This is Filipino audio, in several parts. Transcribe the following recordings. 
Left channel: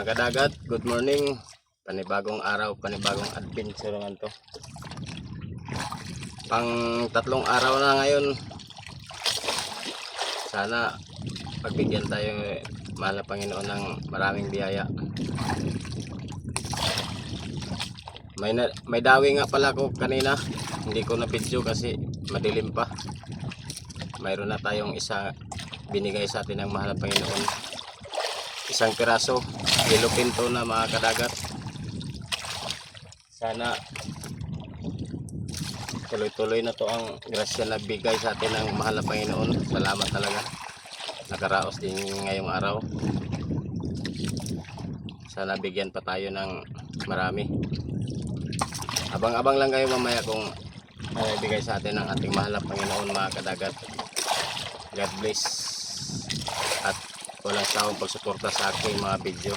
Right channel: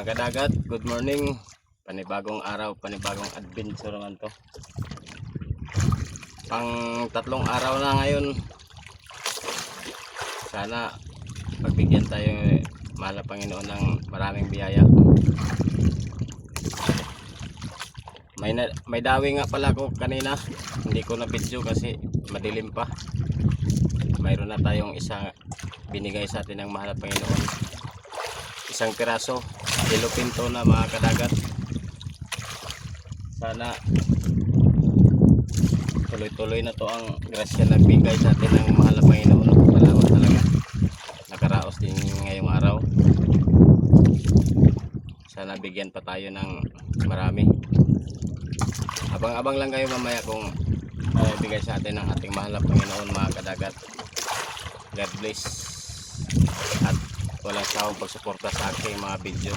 Mga kadagat, good morning. Panibagong araw, panibagong adventure naman to. Pang tatlong araw na ngayon. Sana pagbigyan tayo, mahal na Panginoon, ng maraming biyaya. May dawi nga pala ko kanina. Hindi ko na video kasi madilim pa. Mayroon na tayong isa binigay sa atin ng mahal na Panginoon. Isang piraso, yellow pinto na, mga kadagat. Sana tuloy-tuloy na to ang grasya na nagbigay sa atin ng mahal na Panginoon. Salamat talaga. Nakaraos din ngayong araw. Sana bigyan pa tayo ng marami. Abang-abang lang kayo mamaya kung bigay sa atin ng ating mahal na Panginoon, mga kadagat. God bless. At walang sawang pagsuporta sa aking mga video.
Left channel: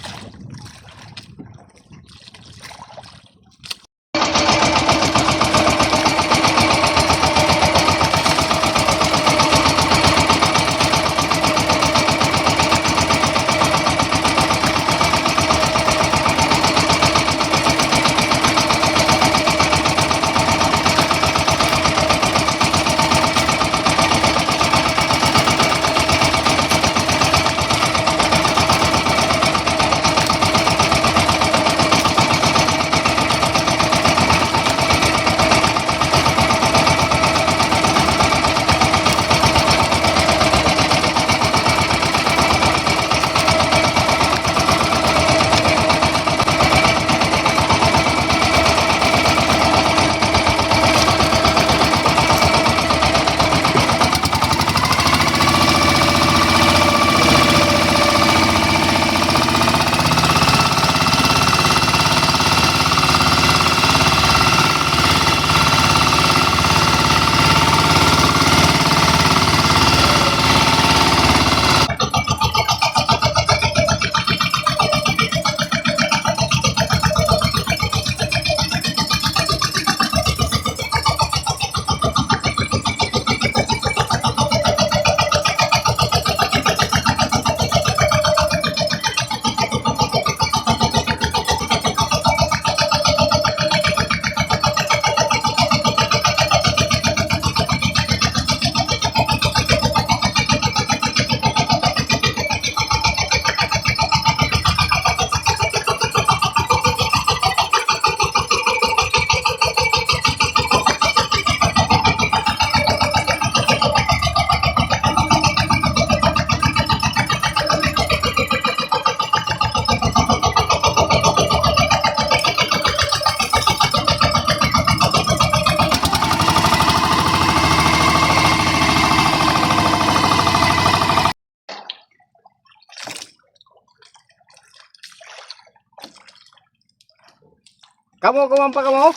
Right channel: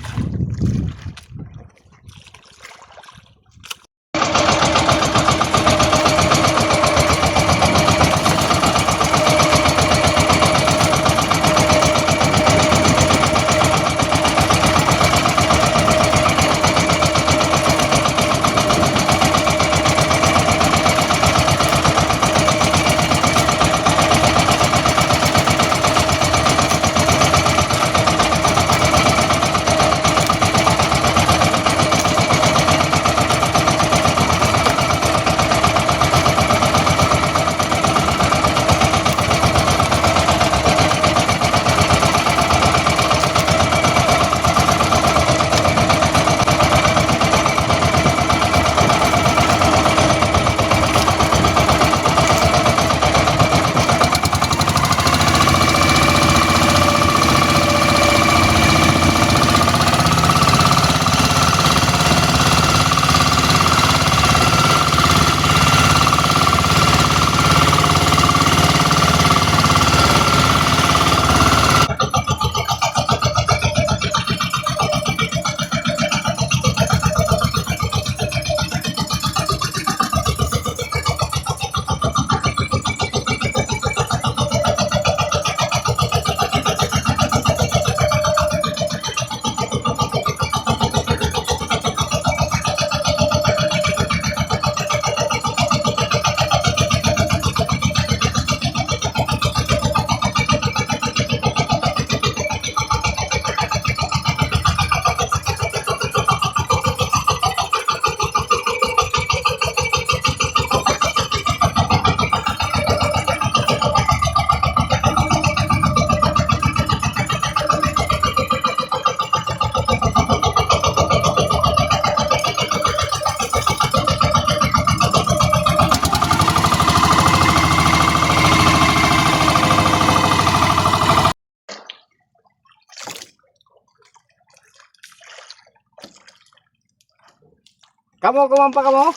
Kamu kumampa kamu?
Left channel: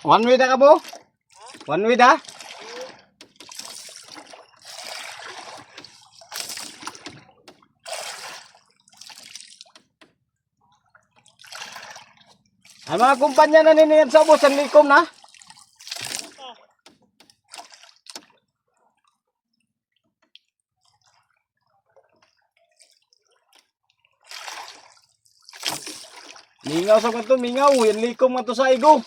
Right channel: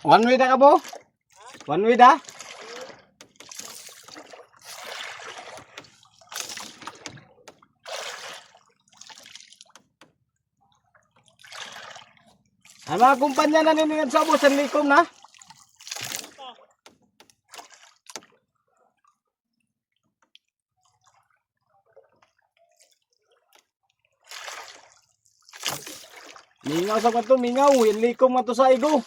One way dah kamu? One way dah? Ang mga kumpanya na niniyan sa ubusan likom na? Mingaw sa kanto, mingaw. Yan likom nga to sa igo.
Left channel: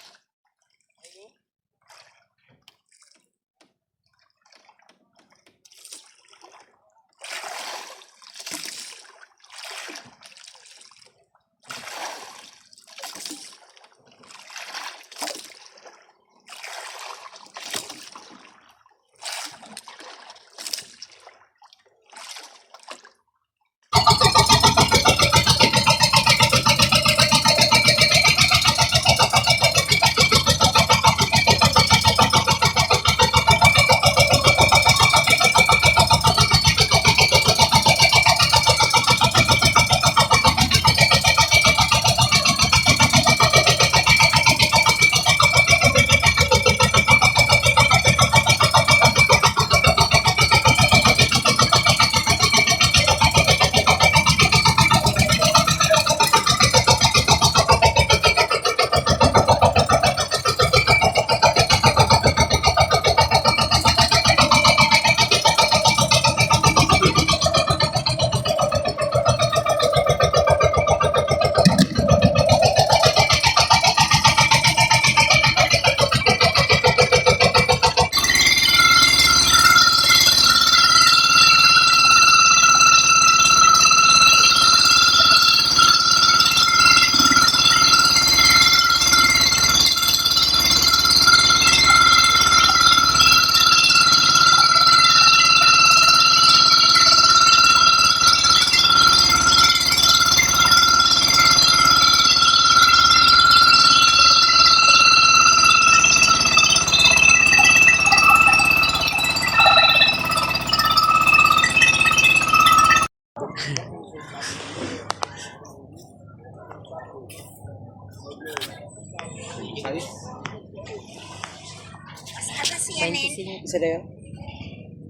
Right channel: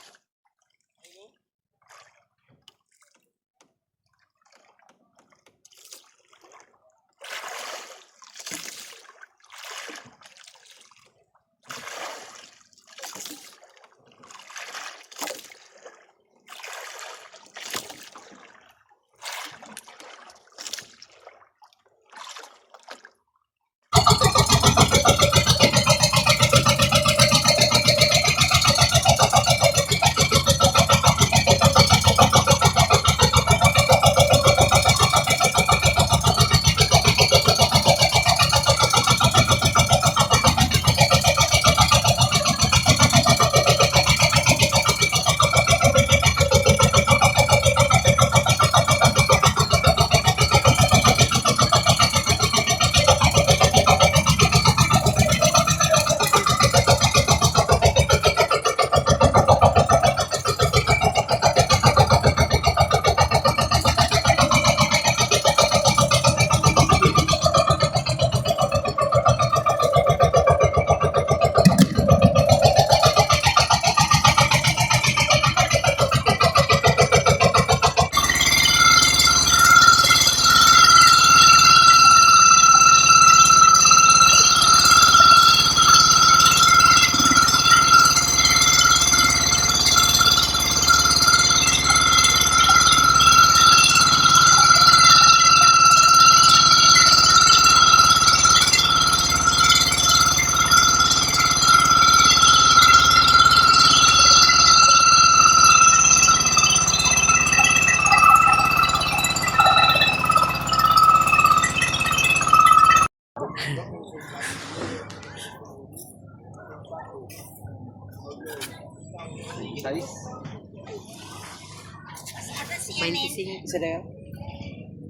Isa na yun?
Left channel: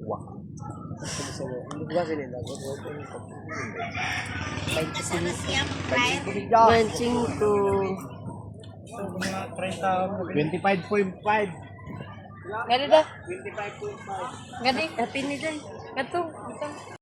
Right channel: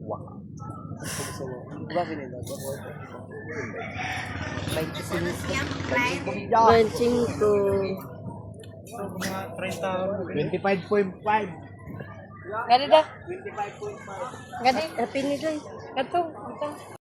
Wow. Ba sila na? 25. 25.5. Gani dah. 25.5. Gani, tapi ni dah. Katong.